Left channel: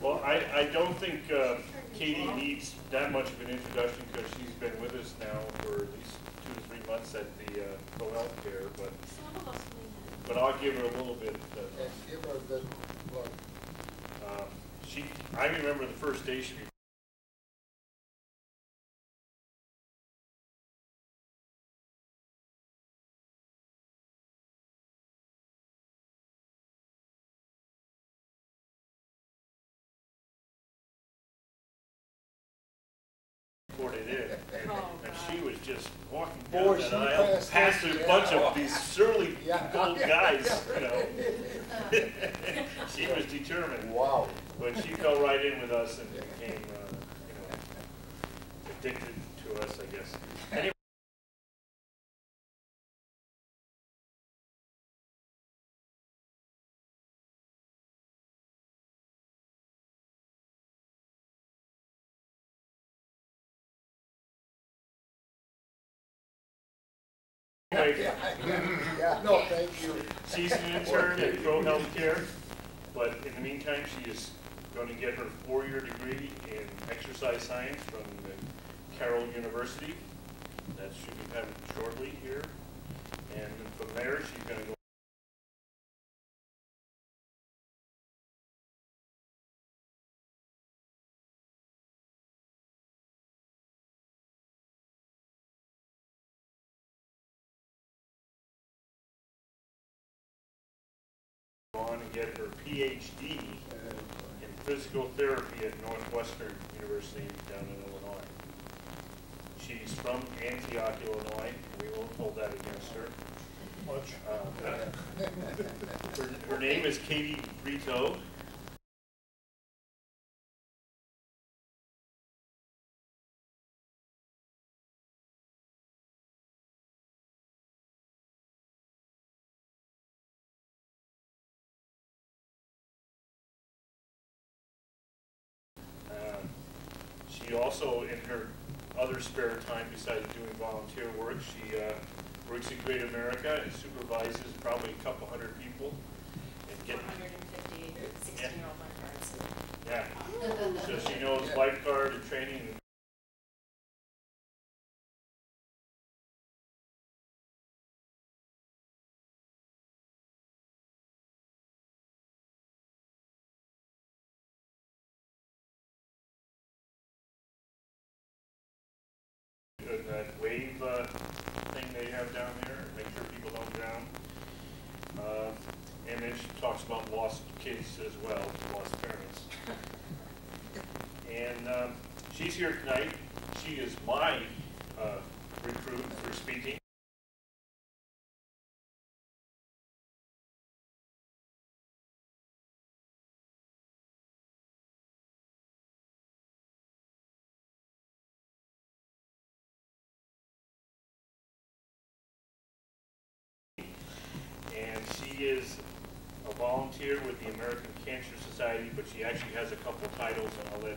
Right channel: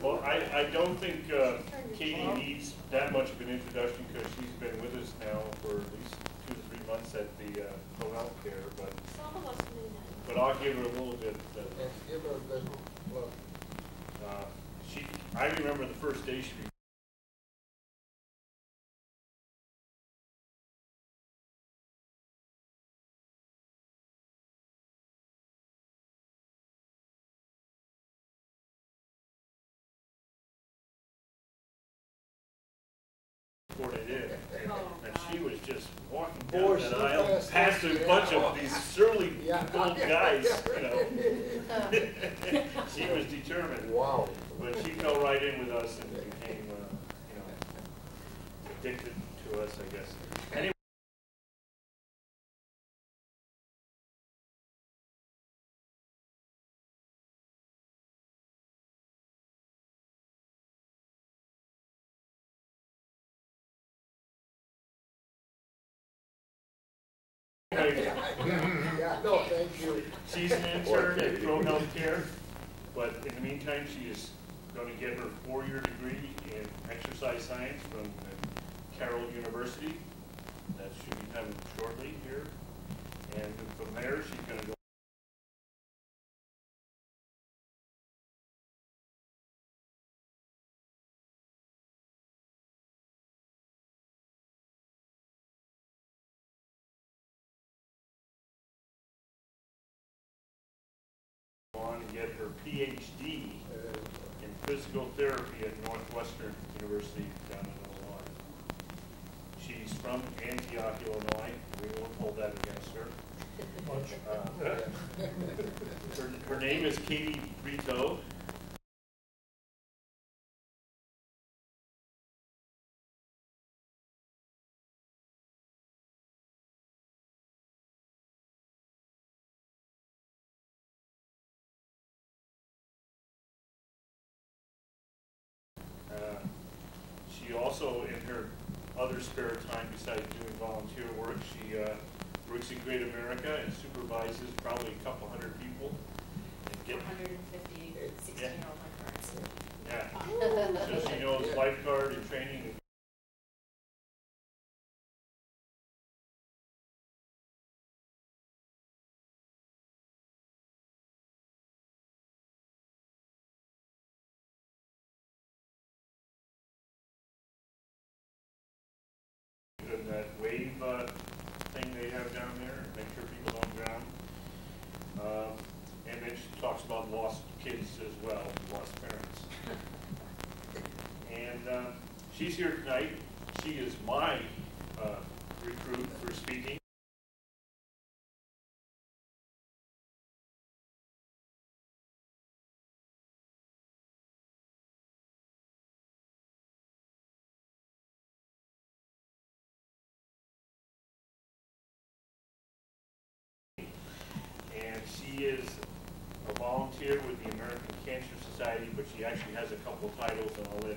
Well, I don't think Katie needs that much of an introduction because she's been with us now for at least 2 to 3 months at the co-health care, but I'll give her a little bit. Give her a good look. I remember the first day she reported in, and she was just walking down that aisle past a bunch of these surly old guys, you know. She was determined. Wow. But she fell right in with us and became, you know, addicted to us, I guess. Anyway. Yeah, no, thank you. She's an intern at Pro Healthcare, but in the meantime, she is going to get her 4-year degree in exercise science from Carroll University. That should be done shortly here. And from there, she's going to go. On and get her PhD in physical therapy at Northwestern University down in Illinois. She's from Antioch, Illinois. We won't hold that against her. Her name is Katie Brito. She also, in her other spare time, besides doing volunteer work, she works in Great America and supervises probably a couple hundred people. And 450 16-year-old lifeguards. Yeah. So she knows lifeguard and training. And that wave thing they have down there, make sure people don't drown. And then she talks about lost kids as well, lost parents. And she's here tonight. She is my recruit for speaking. She is a volunteer with the American Cancer Society, but she actually has a couple titles, and I'll let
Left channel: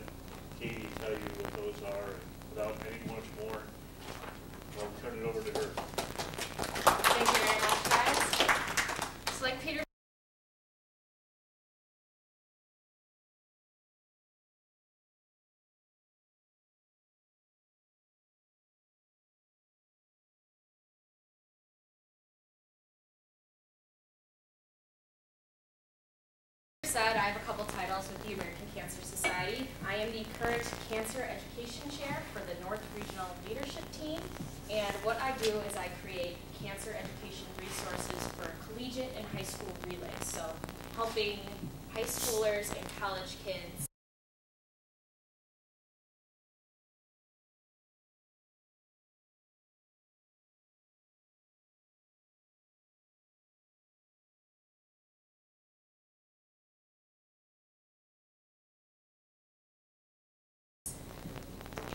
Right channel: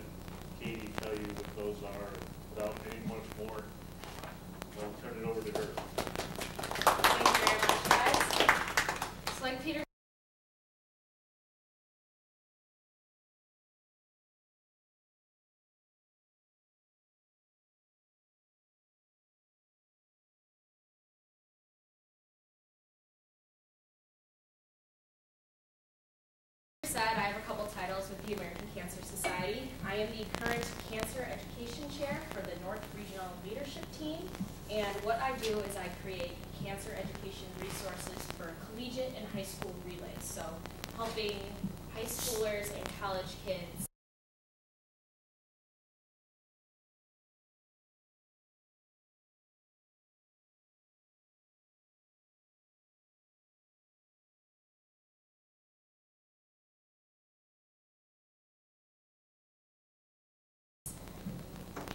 Katie tell you what those are. Without any much more, I'll turn it over to her. Thank you very much, guys. So like Peter said, I have a couple titles with the American Cancer Society. I am the current Cancer Education Chair for the North Regional Leadership Team, and what I do is I create cancer education resources for collegiate and high school relays, so helping high schoolers and college kids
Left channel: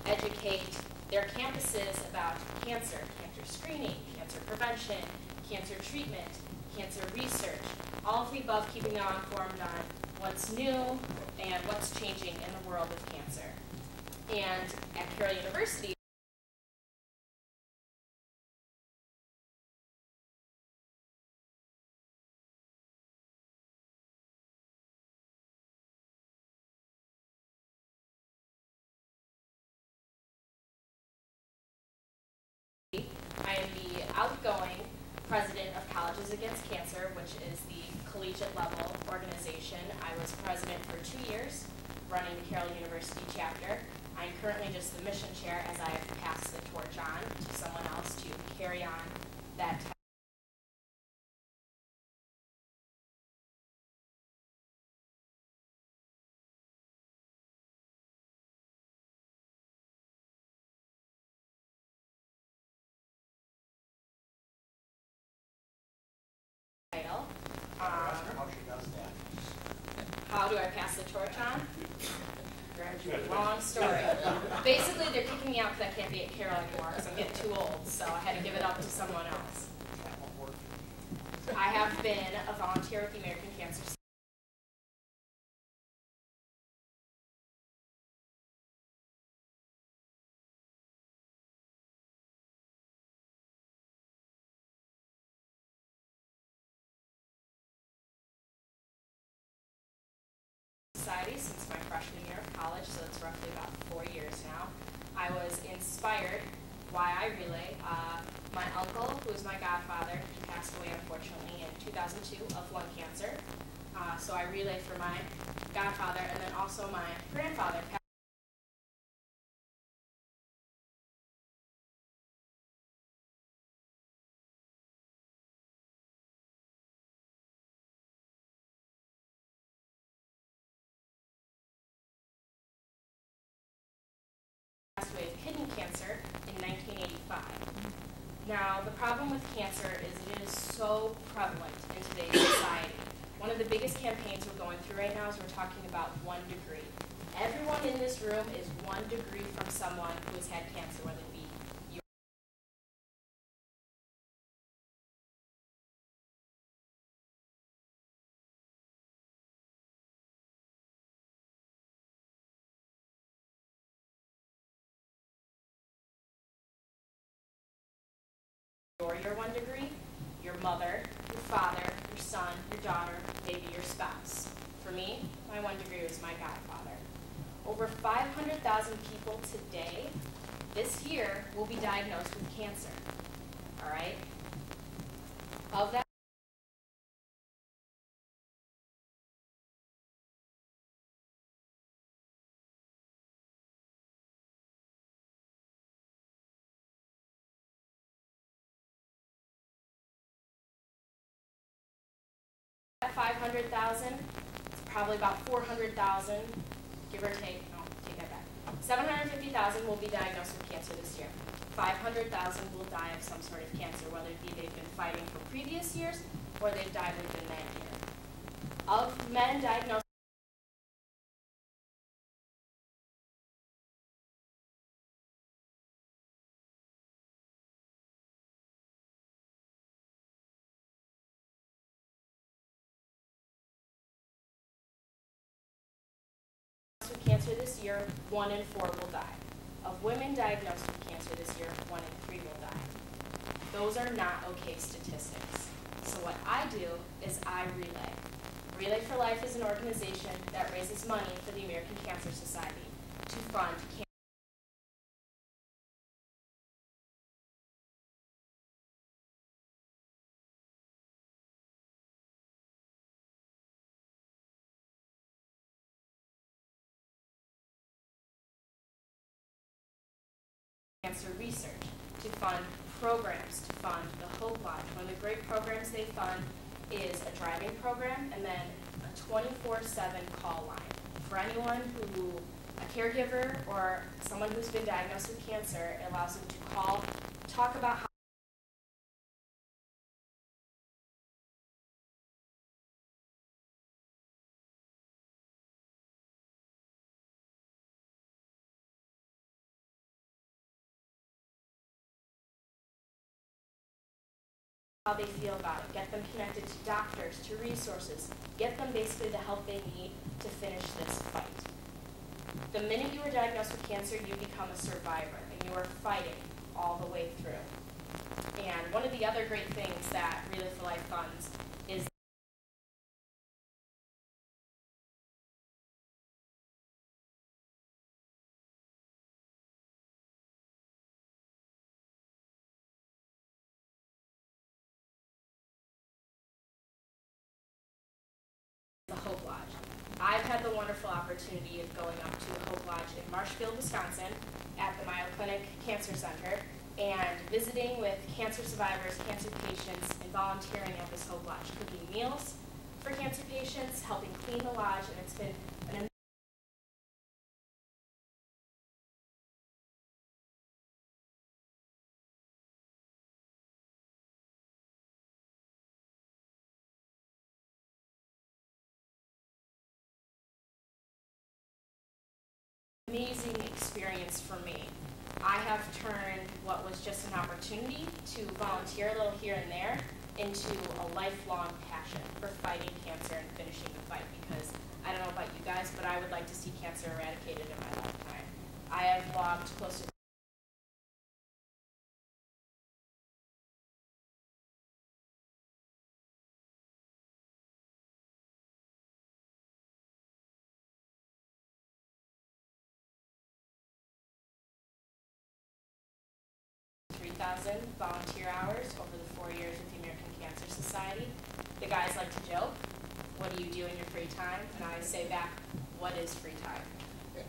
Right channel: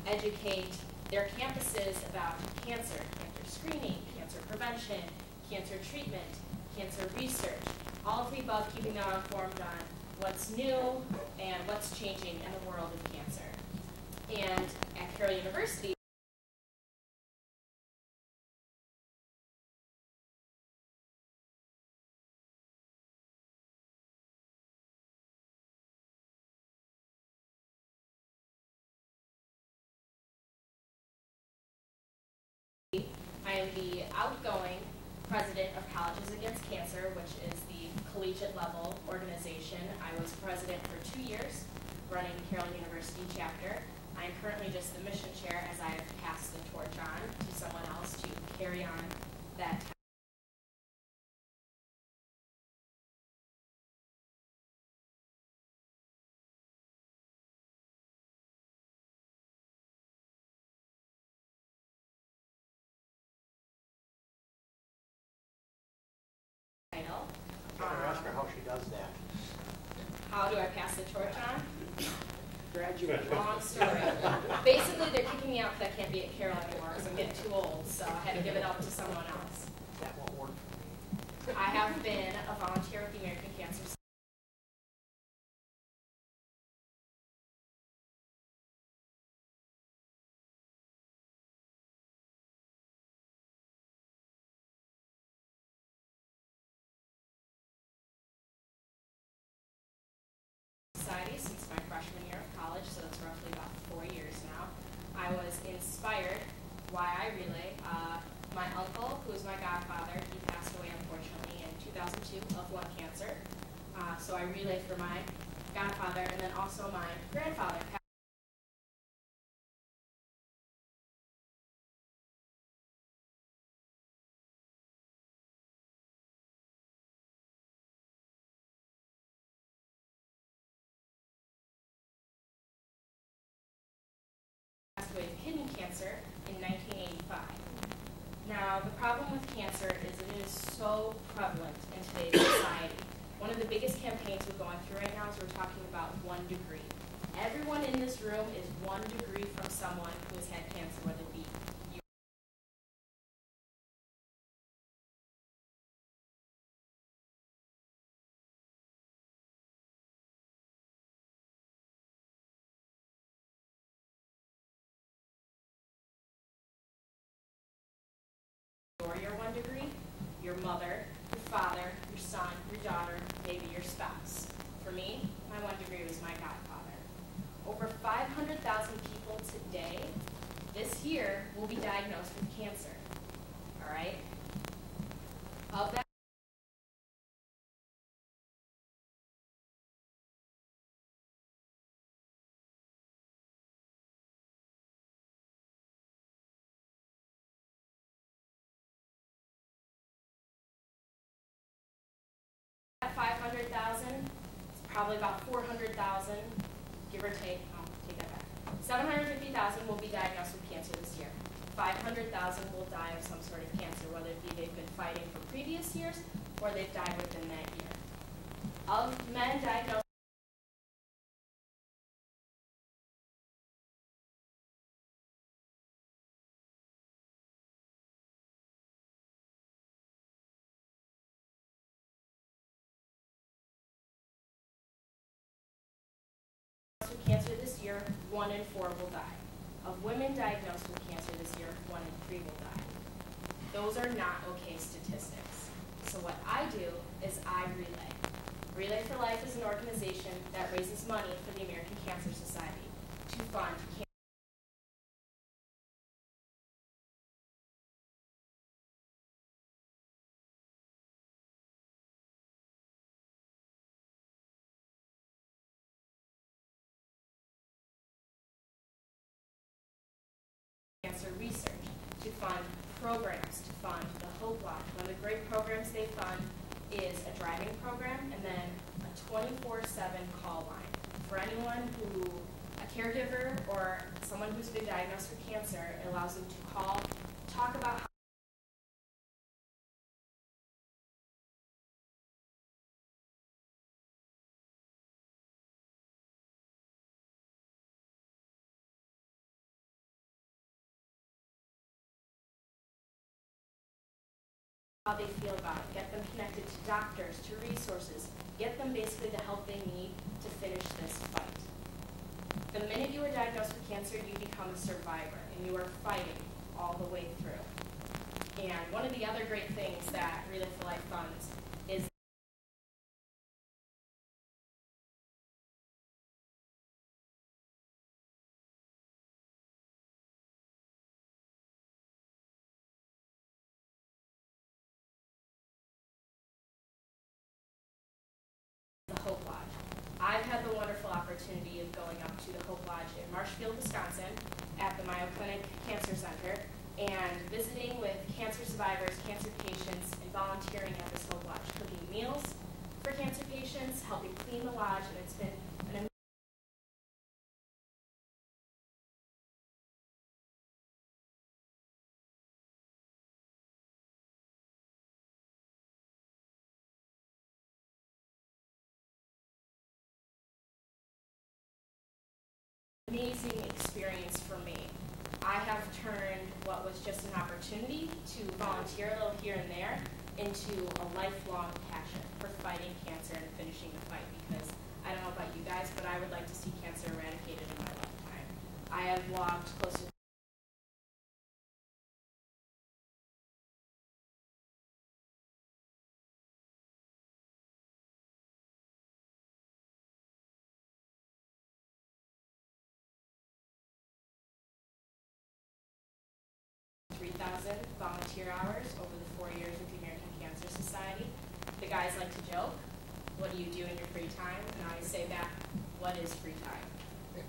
educate their campuses about cancer, cancer screening, cancer prevention, cancer treatment, cancer research, All of the above, keeping them informed on what's new and what's changing in the world of cancer. And at Carroll University, I am the outgoing president of Colleges Against Cancer, which is the collegiate level organization. I was president for 2 years, running the Carroll University chapter. I am currently just the mission chair, as I have passed the torch on to someone else to carry on that title. Ask her how she does that. How do I pass the torch on? Long story. Basically, they're kicking me out because I can't be at Carroll anymore because I'm getting too old, so I had to give it up to someone else. That won't work. I have been a volunteer with the American Cancer Society since my freshman year of college, so it's roughly about 4 years now. I was inspired why I relay. My uncle, who is my godfather, he passed away unfortunately in 2002 of lung cancer. So I relay for my godfather, and then also my grandfather. 'Passed away of kidney cancer in 1985. Now, the problem with cancer is it is so prevalent in today's society. One of the biggest campaigns we're going through right now is we're talking about 1 degree. Everyone in this room is 1 degree from someone who has had cancer, whether it be your 1 degree, your mother, your father, your son, your daughter, maybe your spouse. For me, my 1 degree was my godfather. Over 500,000 people today, this year, will be diagnosed with cancer. All right? Of that, that 500,000, it's probably about 400,000, give or take. Oh, take that back. 750,000 will be diagnosed with cancer this year. 500,000 will die of some sort of cancer, whether it be they've been fighting for previous years or they've died within that year. Of men diagnosed with cancer this year, 1 in 4 will die. Of women diagnosed with cancer this year, 1 in 3 will die. Those are not okay statistics. So what I do is I relay. Relay for Life is an organization that raises money for the American Cancer Society to fund cancer. Cancer research, to fund programs, to fund the Hope Lodge. One of the great programs they fund is a driving program and then a 24/7 call line. For anyone who, a caregiver or someone who's been diagnosed with cancer, it allows them to call, talk about how how they feel about it, get them connected to doctors, to resources, get them basically the help they need to finish this fight. The minute you are diagnosed with cancer, you become a survivor, and you are fighting all the way through. And one of the other great things that Relay for Life funds is the Hope Lodge. I've had the wonderful opportunity of going up to the Hope Lodge in Marshfield, Wisconsin at the Mayo Clinic Cancer Center and visiting with cancer survivors, cancer patients, and volunteering at this Hope Lodge, cooking meals for cancer patients, helping clean the lodge, and it's been an amazing experience for me. I have turned what was just an opportunity to volunteer a little here and there into a lifelong passion for fighting cancer and finishing the fight, because I don't know about you guys, but I would like to see cancer eradicated in my lifetime. I have logged close to volunteer hours over the 4 years with the American Cancer Society. The guys like to joke, what do you do in your free time? And I say back, what is free time?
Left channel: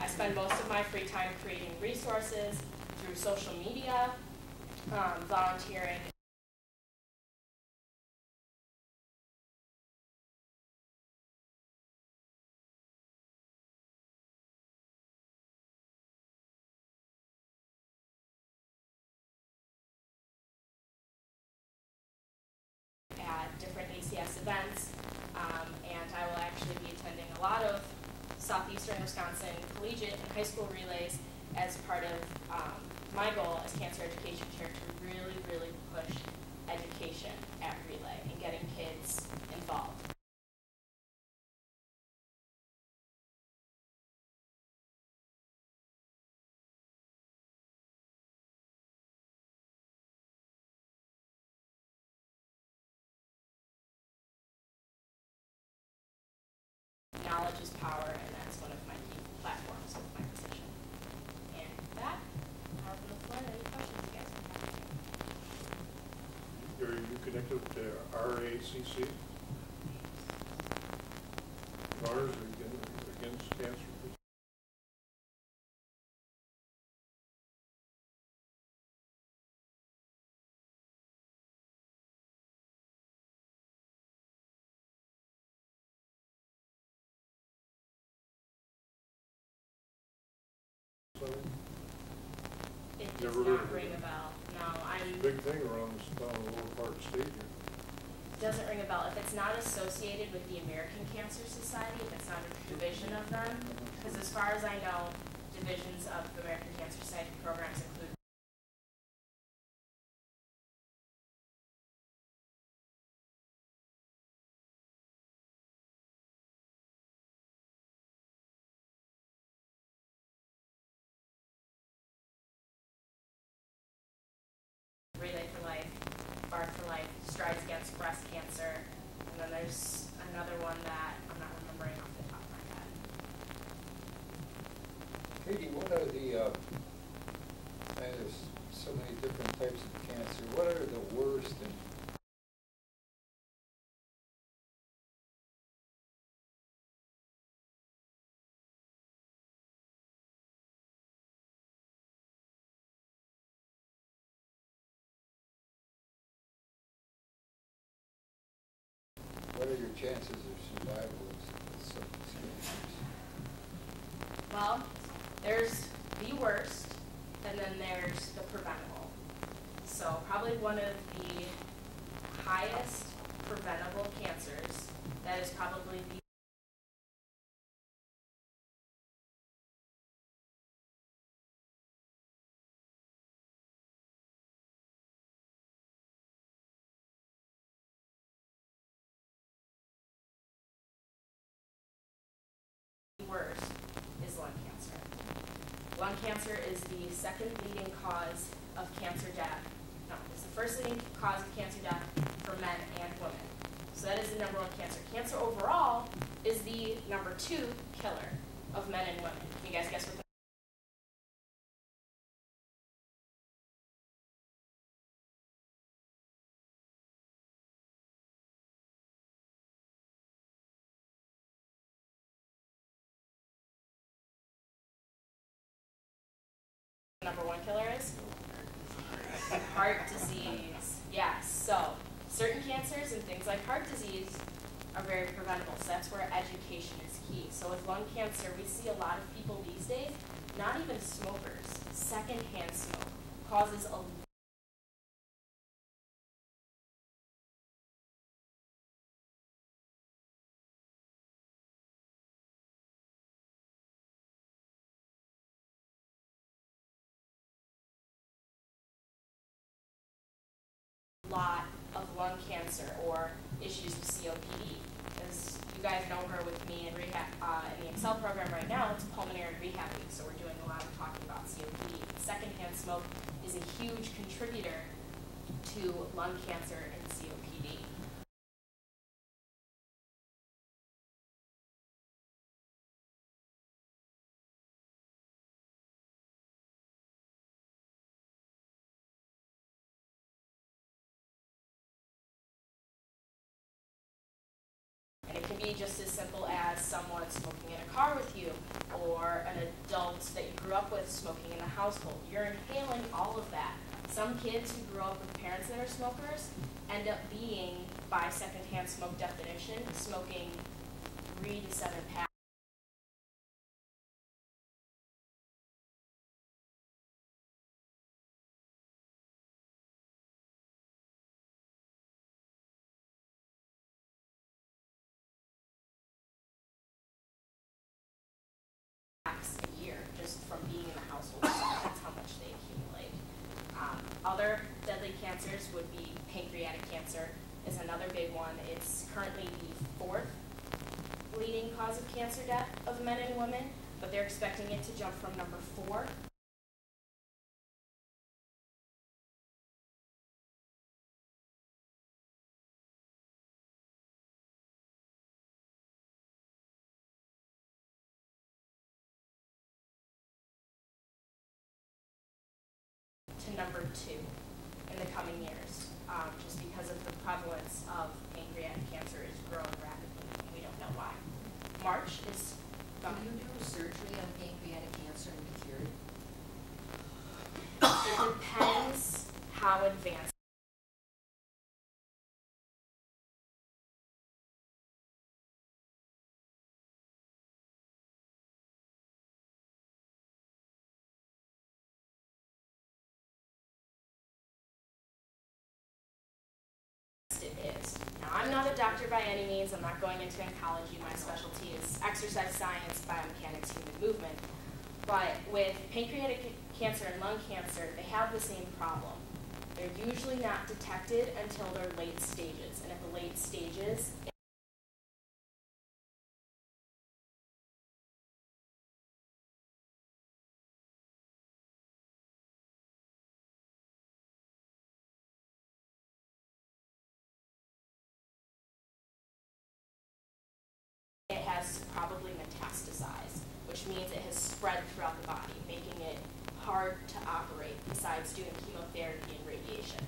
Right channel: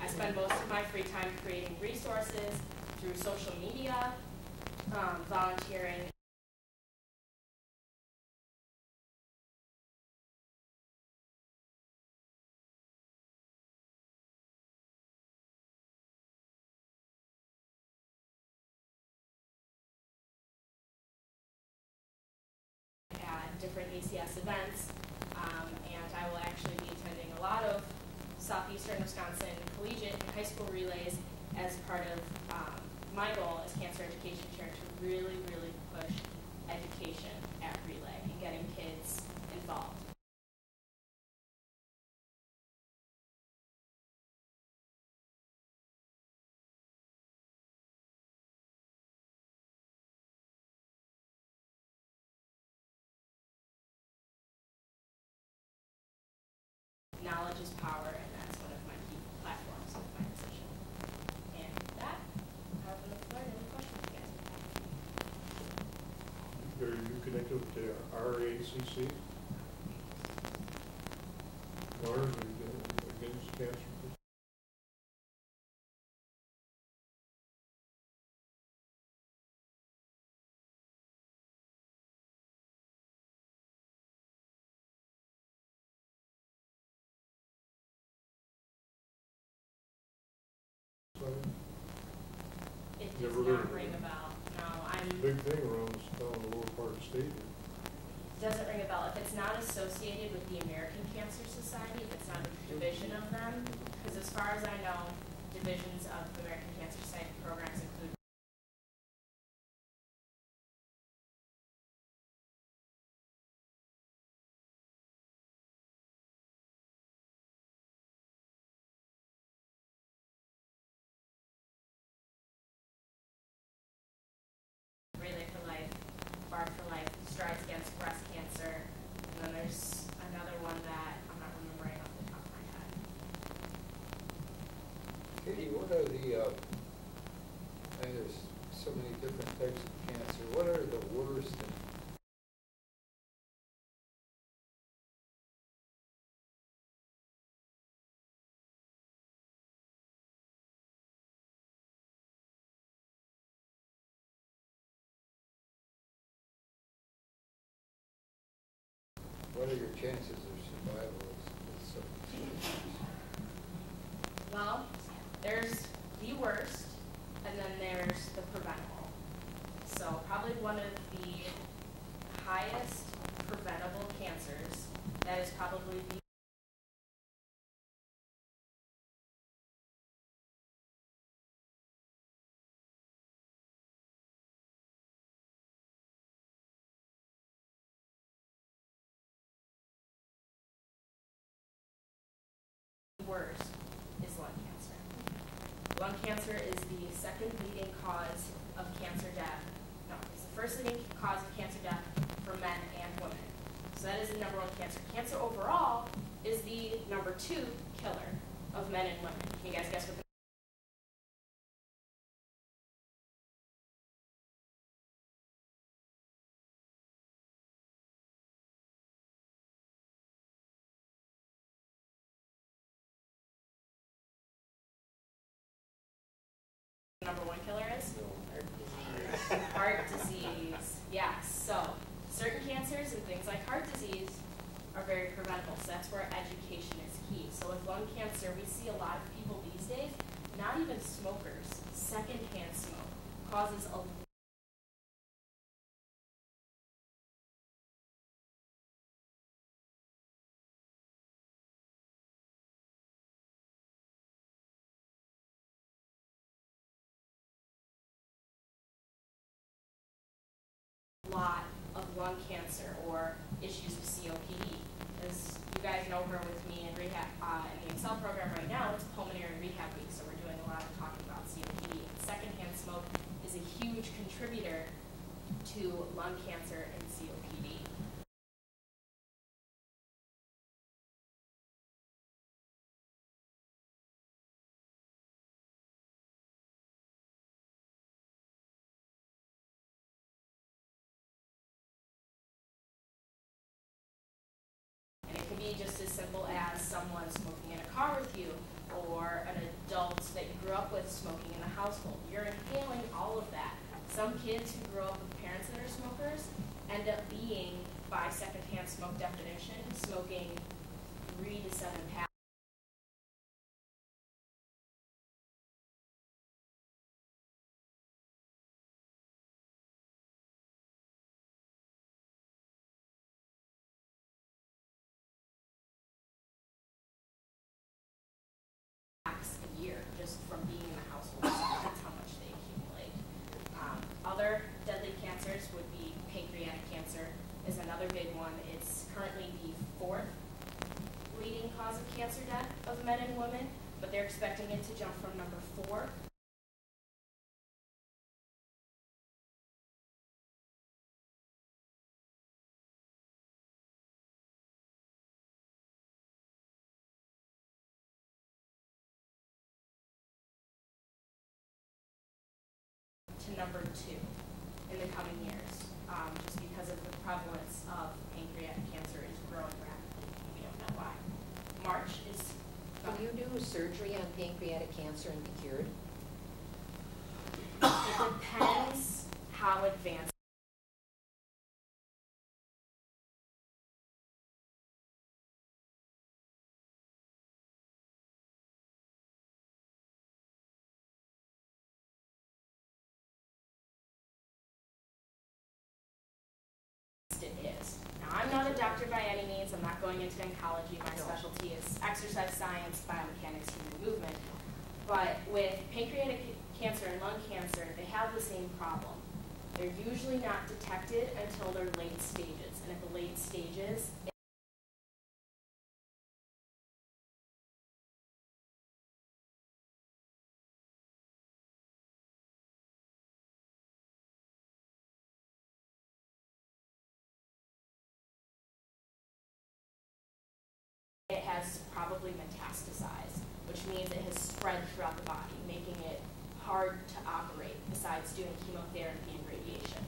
I spend most of my free time creating resources through social media, volunteering. Different ACS events, and I will actually be attending a lot of Southeastern Wisconsin collegiate and high school relays as part of my goal as cancer education chair to really, really push education at Relay and getting kids involved. Knowledge is power, and that's one of my key platforms of my position. And with that, I'll open the floor to any questions you guys may have. Are you connected to RACC? Lawyers Against Cancer? It does Never heard not of ring it. a bell. No, Big thing around this down the lower part of the state here. doesn't ring a bell. If it's not associated with the American Cancer Society, if it's not a division of them, because as far as I know, divisions of the American Cancer Society programs include Relay for Life, Bar for Life, Strides Against Breast Cancer, and then there's another one that I'm not remembering off the top of my head. Katie, what are the, there's so many different types of cancer, what are the worst and what are your chances of survival with some of these cancers? Well, there's the worst, and then there's the preventable. So probably one of the highest preventable cancers that is probably the worst is lung cancer. Lung cancer is the second leading cause of cancer death. No, it's the first leading cause of cancer death for men and women. So that is the number one cancer. Cancer overall is the number 2 killer of men and women. Can you guys guess what the number 1 killer is? Heart disease. Yes. So certain cancers and things like heart disease are very preventable. So that's where education is key. So with lung cancer, we see a lot of people these days, not even smokers, secondhand smoke causes a lot of lung cancer or issues of COPD. As you guys know her with me in rehab in the Excel program right now, it's Pulmonary Rehab Week, so we're doing a lot of talking about COPD. Secondhand smoke is a huge contributor to lung cancer and COPD. And it can be just as simple as someone smoking in a car with you, or an adult that you grew up with smoking in the household. You're inhaling all of that. Some kids who grew up with parents that are smokers end up being, by secondhand smoke definition, smoking 3 to 7 packs. A year just from being in the household. That's how much they accumulate. Other deadly cancers would be pancreatic cancer is another big one. It's currently the 4th leading cause of cancer death of men and women, but they're expecting it to jump from number 4 to number 2 in the coming years, just because of the prevalence of pancreatic cancer is growing rapidly. We don't know why. March is. Can you do surgery on pancreatic cancer and be cured? It depends how advanced. It is. Now, I'm not a doctor by any means. I'm not going into oncology. My specialty is exercise science, biomechanics, human movement. But with pancreatic cancer and lung cancer, they have the same problem. They're usually not detected until their late stages. And at the late stages, it has probably metastasized, which means it has spread throughout the body, making it hard to operate besides doing chemotherapy and radiation.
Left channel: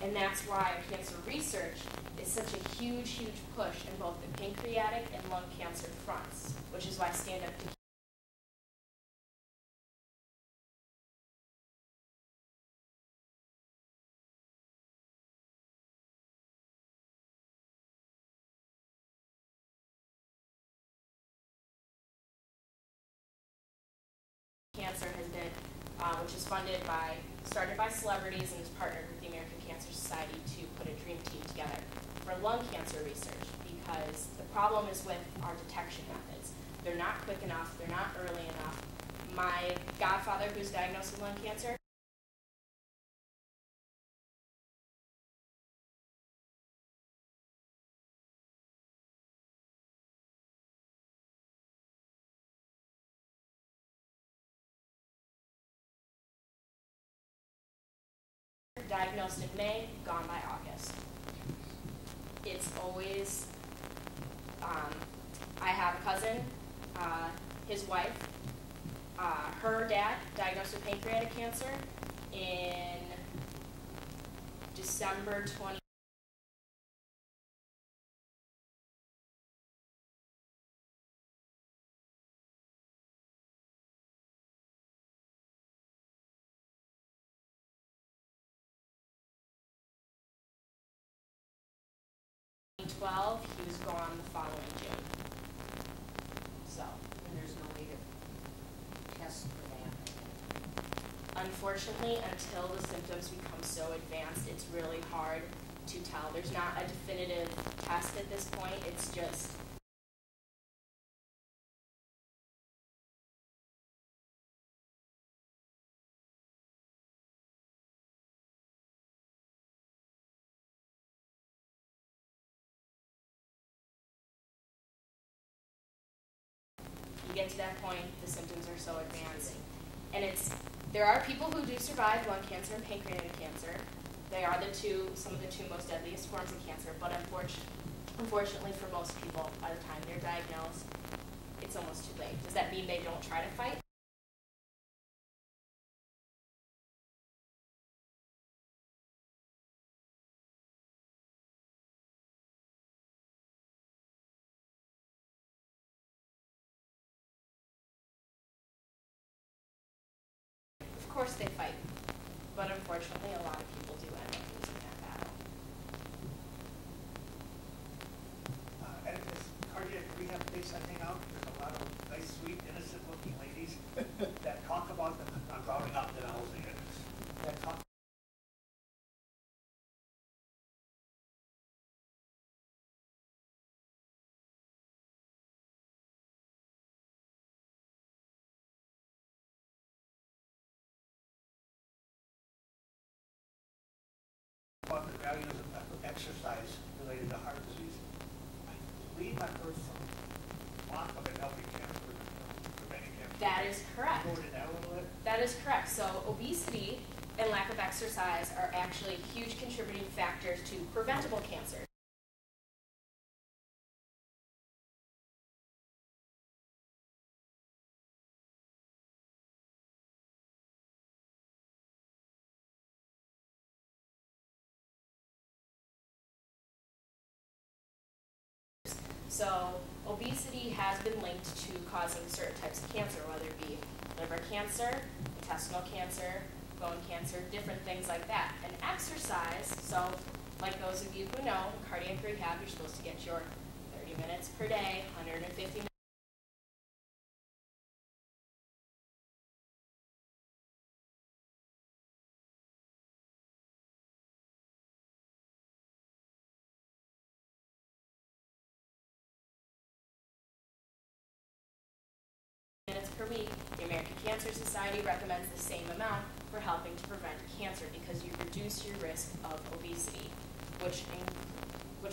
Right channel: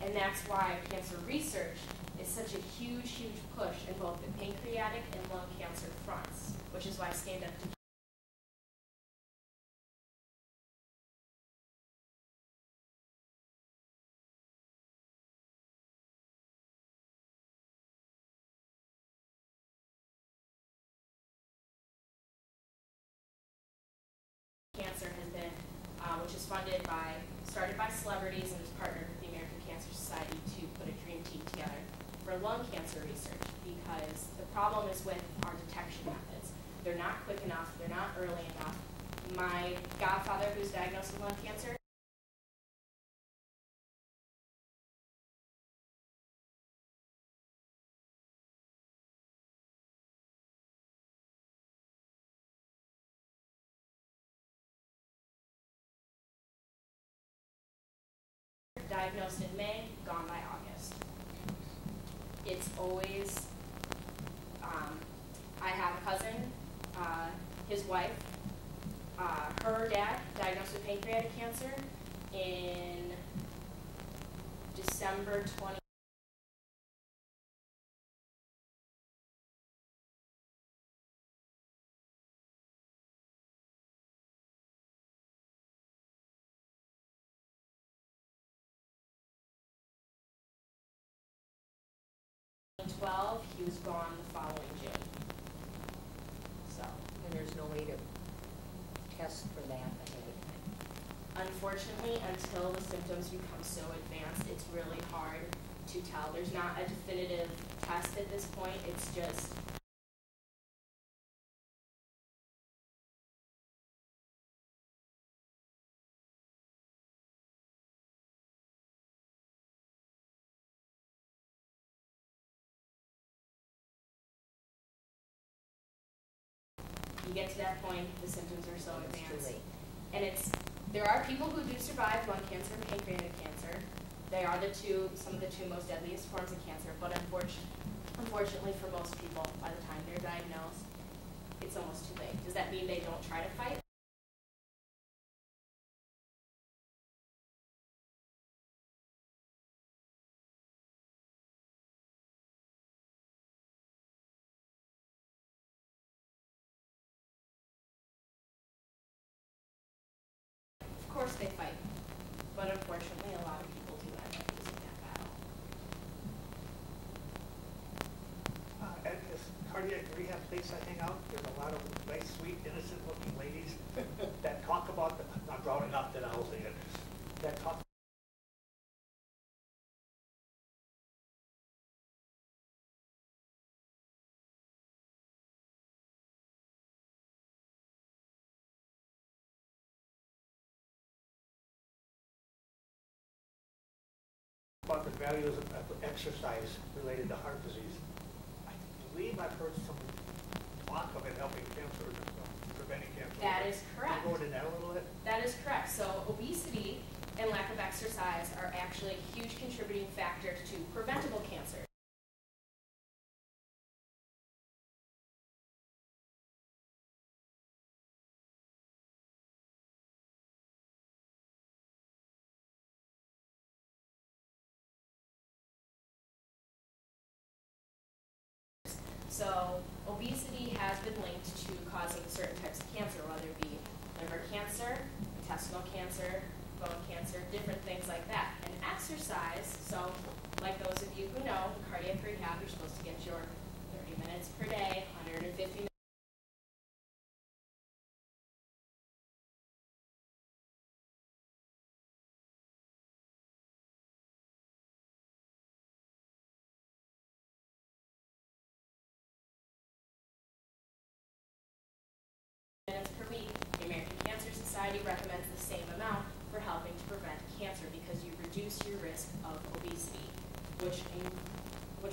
And that's why cancer research is such a huge, huge push in both the pancreatic and lung cancer fronts, which is why Stand Up to Cancer has been, which is started by celebrities and is partnered with the American Cancer Society to put a dream team together for lung cancer research, because the problem is with our detection methods. They're not quick enough, they're not early enough. My godfather, who's diagnosed with lung cancer, diagnosed in May, gone by August. It's always, I have a cousin, his wife, her dad diagnosed with pancreatic cancer in December 20. He was gone the following June. So, And there's no way to test for that ahead of time. unfortunately, until the symptoms become so advanced, it's really hard to tell. There's not a definitive test at this point. It's just you get to that point, the symptoms are so advanced. And there are people who do survive lung cancer and pancreatic cancer. They are some of the two most deadliest forms of cancer, but unfortunately for most people, by the time they're diagnosed, it's almost too late. Does that mean they don't try to fight? Of course they fight, but unfortunately a lot of people do end up losing that battle. At this cardiac rehab place I hang out, there's a lot of nice, sweet, innocent-looking ladies that talk about the, I'm rounding up that I'll say it, that talk about the values of exercise related to heart disease. I believe I've heard some talk of it helping cancer, preventing cancer. That is correct. Can you go into that a little bit? That is correct. So obesity and lack of exercise are actually huge contributing factors to preventable cancer. So obesity has been linked to causing certain types of cancer, whether it be liver cancer, intestinal cancer, bone cancer, different things like that. And exercise, so like those of you who know, cardiac rehab, you're supposed to get your 30 minutes per day, 150 minutes. Per week. The American Cancer Society recommends the same amount for helping to prevent cancer because you reduce your risk of obesity, which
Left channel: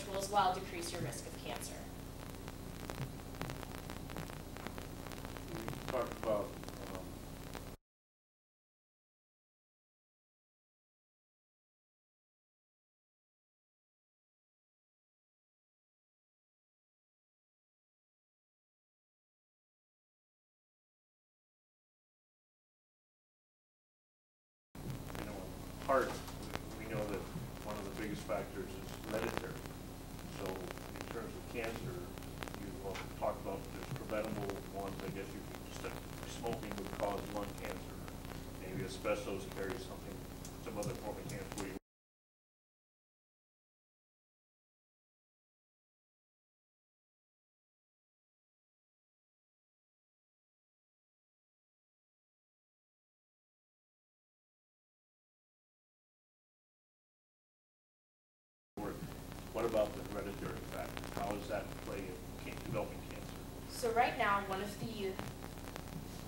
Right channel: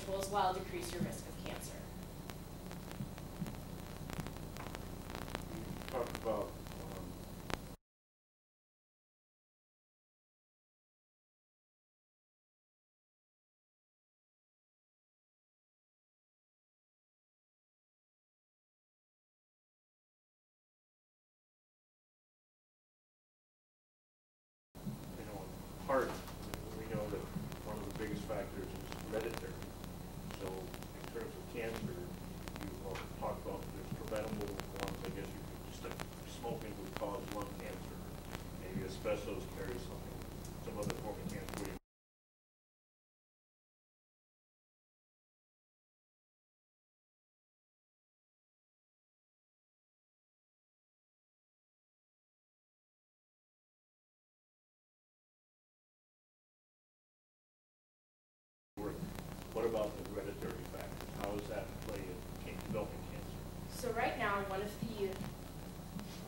will as well decrease your risk of cancer. Talk about heart. We know that one of the biggest factors is hereditary. So in terms of cancer, you also talk about there's preventable ones. I guess you could just smoking would cause lung cancer. Maybe asbestos carries something, some other form of cancer. What about the hereditary factor? How does that play in developing cancer? So right now, one of the,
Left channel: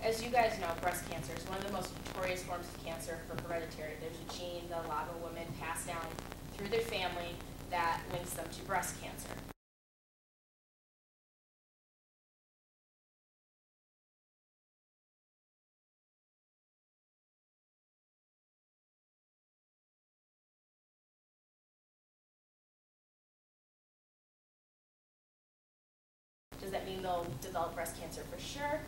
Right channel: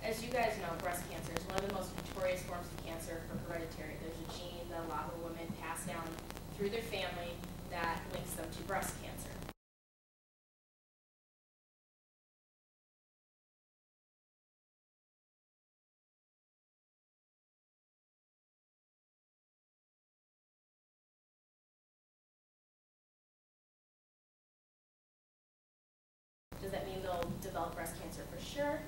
as you guys know, breast cancer is one of the most notorious forms of cancer for hereditary. There's a gene that a lot of women pass down through their family that links them to breast cancer. they'll develop breast cancer for sure?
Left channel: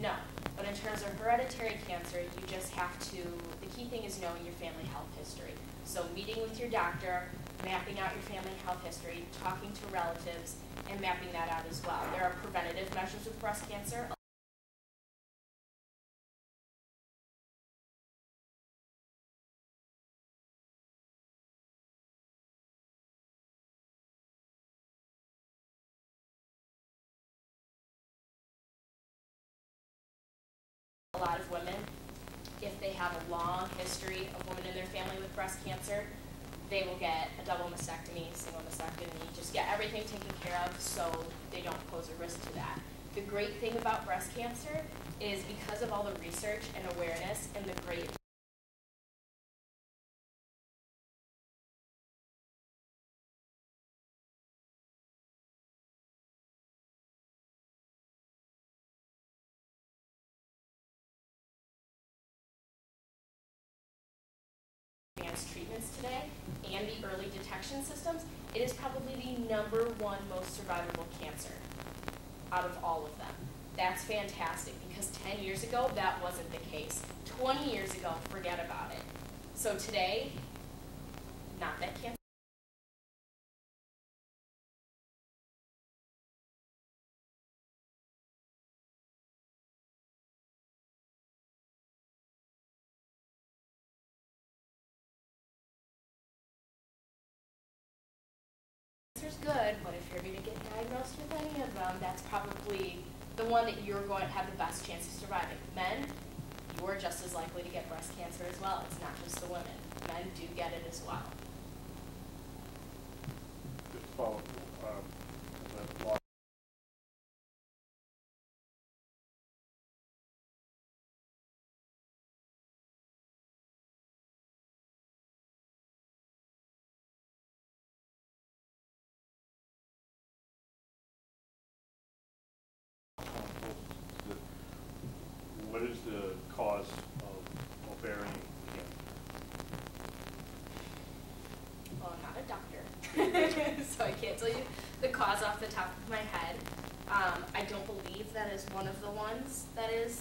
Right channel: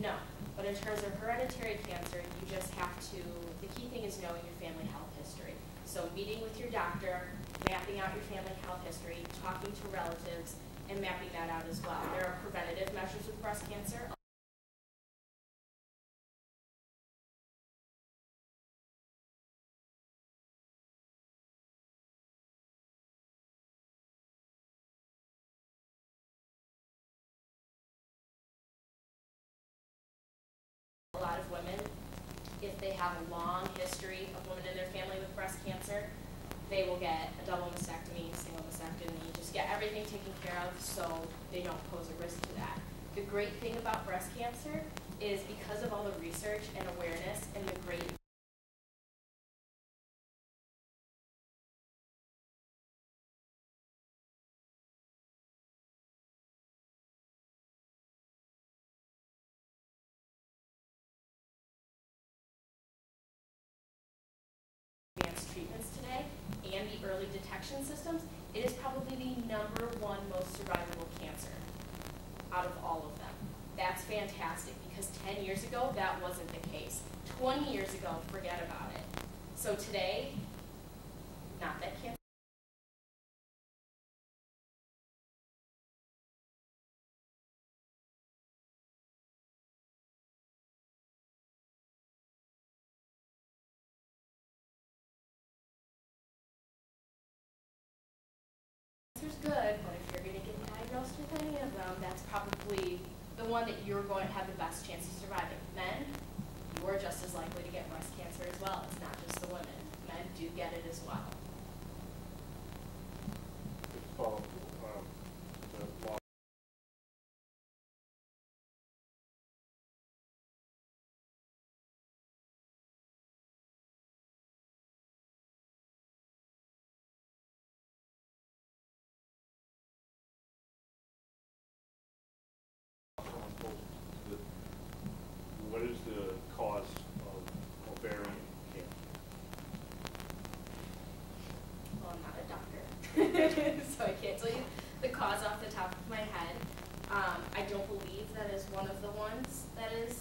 No. But in terms of hereditary cancer, you just have to, the key thing is knowing your family health history. So meeting with your doctor, mapping out your family health history, talking to relatives, and mapping that out as well. There are preventative measures with breast cancer. A lot of women, if they have a long history of women in their family with breast cancer, they will get a double mastectomy, single mastectomy, just get everything taken care of so they don't pose a risk to that. The great thing about breast cancer is because of all the research and awareness and the great advanced treatments today and the early detection systems, it is probably the #1 most survivable cancer out of all of them. That's fantastic because 10 years ago, that wasn't the case. 20 years ago, forget about it. So today, not that cancer. Cancer's good, but if you're going to get diagnosed with any of them, that's probably the one that you're going to have the best chance of surviving. Men, you are just as likely to get breast cancer as well. It's not just the women. Men do get it as well. Just follow the law. What is the cause of ovarian cancer? Well, I'm not a doctor, so I can't tell you the cause off the top of my head. I don't believe that is one of the ones that is.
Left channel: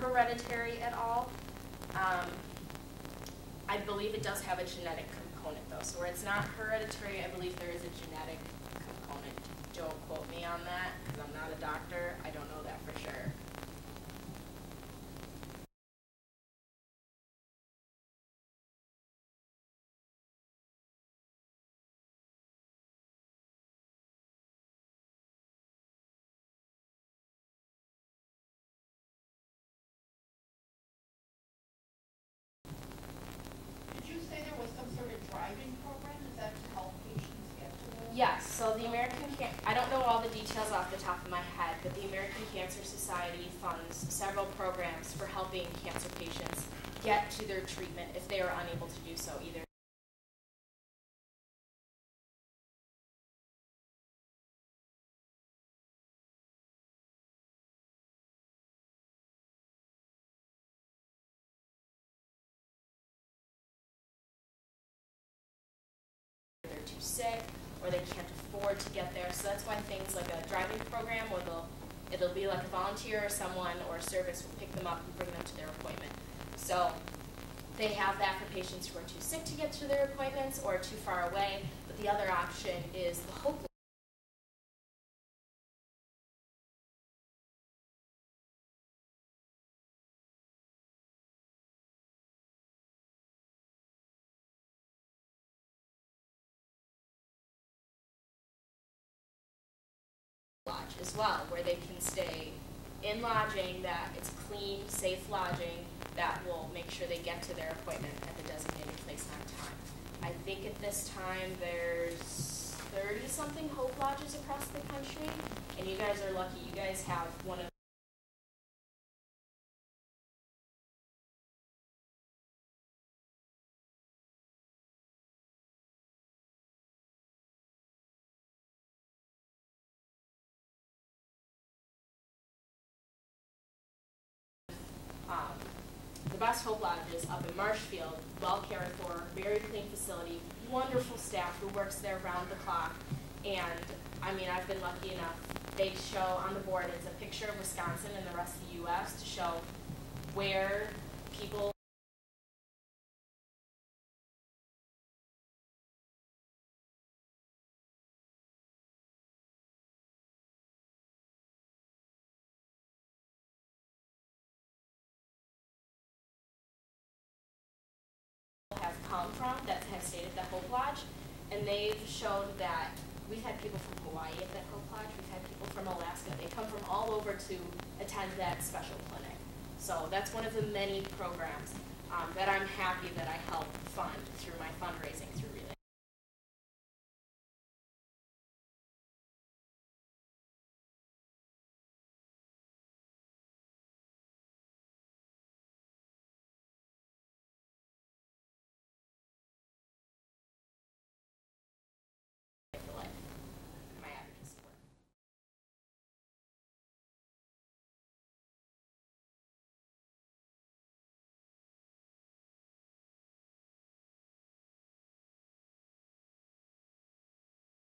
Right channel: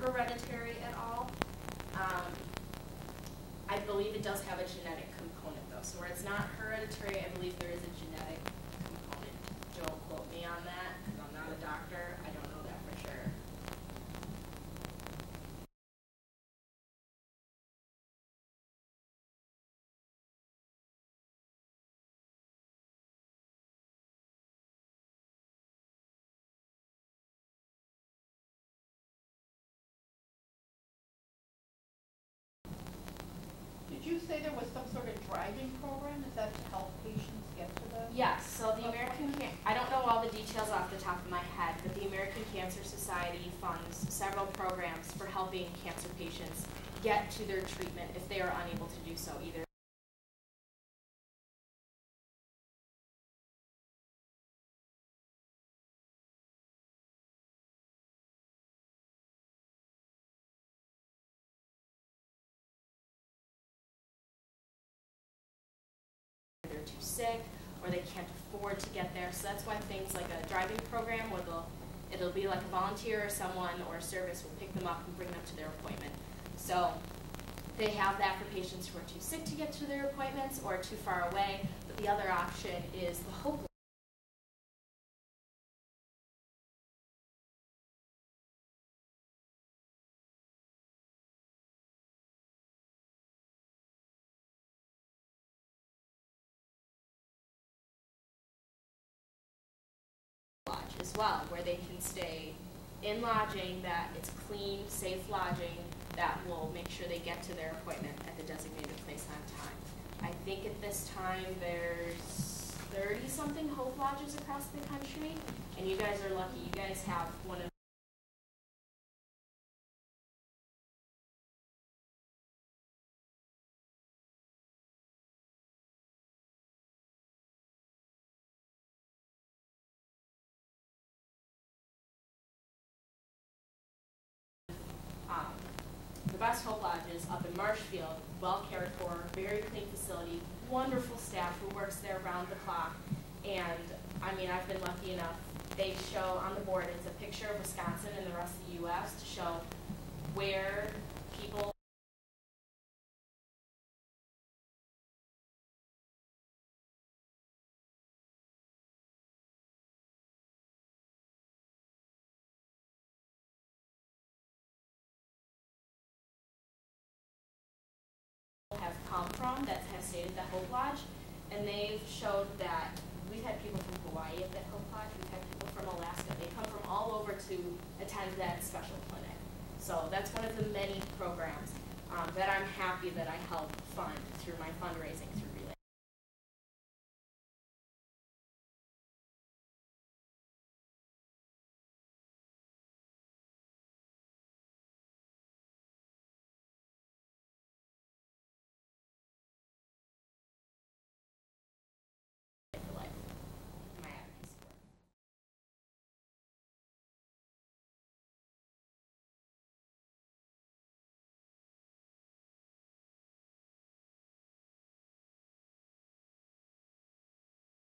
Hereditary at all. I believe it does have a genetic component though. So where it's not hereditary, I believe there is a genetic component. Joe, quote me on that because I'm not a doctor. I don't know that for sure. Did you say there was some sort of driving program? Is that to help patients get to them? Yes, so the I don't know all the details off the top of my head, but the American Cancer Society funds several programs for helping cancer patients get to their treatment if they are unable to do so either. They're too sick or they can't afford to get there. So that's why things like a driving program where it'll be like a volunteer or someone or a service will pick them up and bring them to their appointment. So they have that for patients who are too sick to get to their appointments or too far away. But the other option is the Hope Lodge as well, where they can stay in lodging that it's clean, safe lodging that will make sure they get to their appointment at the designated place on time. I think at this time there's 30-something Hope Lodges across the country, and you guys are lucky. You guys have one of best Hope Lodges up in Marshfield, well cared for, very clean facility, wonderful staff who works there round the clock. And I mean, I've been lucky enough, they show on the board, it's a picture of Wisconsin and the rest of the US to show where people have come from that have stayed at the Hope Lodge, and they've showed that we've had people from Hawaii at that Hope Lodge, we've had people from Alaska, they come from all over to attend that special clinic. So that's one of the many programs that I'm happy that I help fund through my fundraising through